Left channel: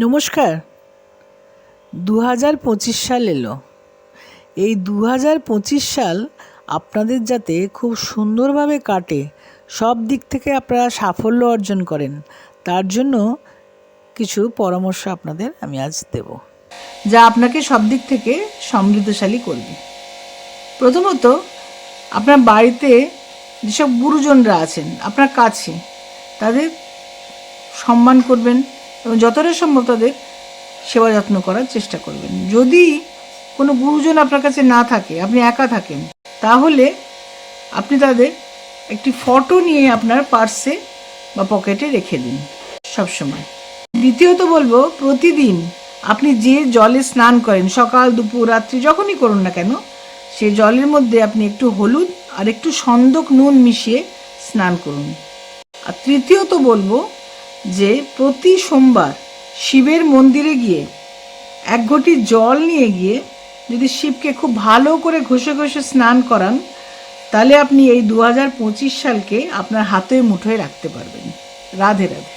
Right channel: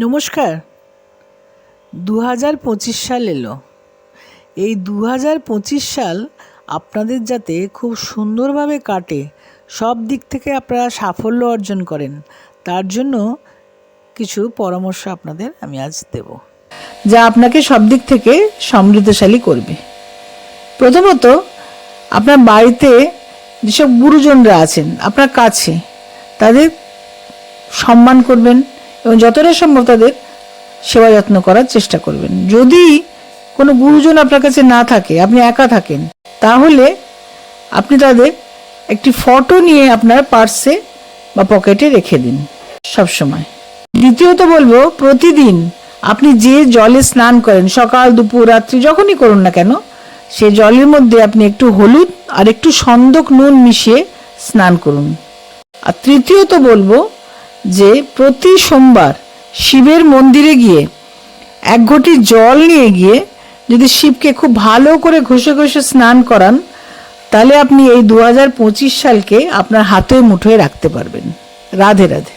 নমস্কার। 2025 সাল এলো। এই 2025 সাল আপনাদের যাতে খুব সুন্দরভাবে কাটে, সব দিক থেকে আপনারা সাফল্য অর্জন করেন, তার জন্য কিছু পরামর্শ আপনাদের আমি আজ দেব, যা আপনাকে সব দিক থেকে সমৃদ্ধশালী করবে। প্রথমত, আপনার বাড়িতে যেসব গুরুজনরা আছেন আপনার কাছে, তাদের সম্মান করবেন এবং যতটা সম্ভব তাদের সেবা যত্ন করার চেষ্টা করবেন। যদি কোনো গুরুজন আপনার কাছে না থাকে, আপনি একা থাকেন, তাহলে আপনি তাদের একটি ফটো নিয়ে আপনার পার্সে বা পকেটে রেখে দিন সবসময়। দ্বিতীয়ত বলবো, প্রতিদিন আপনি যে জলে স্নান করেন, সকাল দুপুর রাত্রি যখনই করুন না কেন, সে জলের মধ্যে আপনি একটু হলুদ আর একটু সন্দক নুন মিশিয়ে স্নান করুন। আর তৃতীয়ত বলবো যে প্রতি সোমবার শিবের মন্দিরে গিয়ে এক ঘটি জল নিয়ে গিয়ে যদি শিবকে খুব ভালো করে ঘষে ঘষে স্নান করান, তাহলে আপনি এই 2025 সালকে আপনার হাতে মুঠোয় রাখতে পারবেন। রাধে রাধে।